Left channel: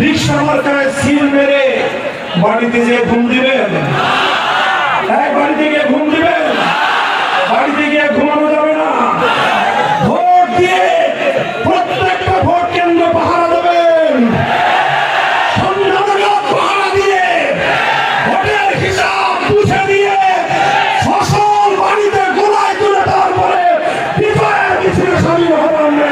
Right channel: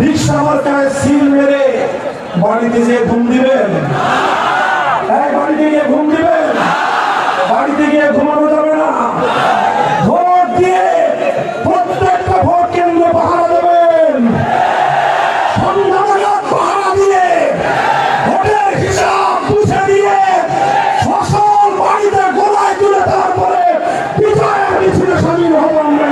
রিক্সা মার্কায় সিল মেরে বাড়িতে যে ঘুম দিবেন? বাড়িতে গিয়ে ঘুম দিবেন? বাড়িতে গিয়ে ঘুমানো যাবে না। ভোট দিয়ে প্রত্যেকটা ভোট কেন্দ্র পাহারা দেবেন। পাহারা দিয়ে ভোটের হিসাব বুঝে দিয়ে ফসল বাড়িতে গোলায় তুলে তারপরে বিজয়ের মিছিলে সামিল হব আমরা।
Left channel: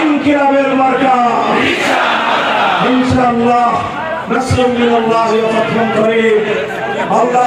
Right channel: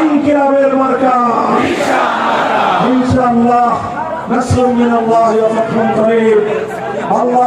ইনকিলাবের মার্কা ইনশাআল্লাহ। নাসরুম মিনাল্লাহি ওয়া ফাতহুন করিম। আল্লাহ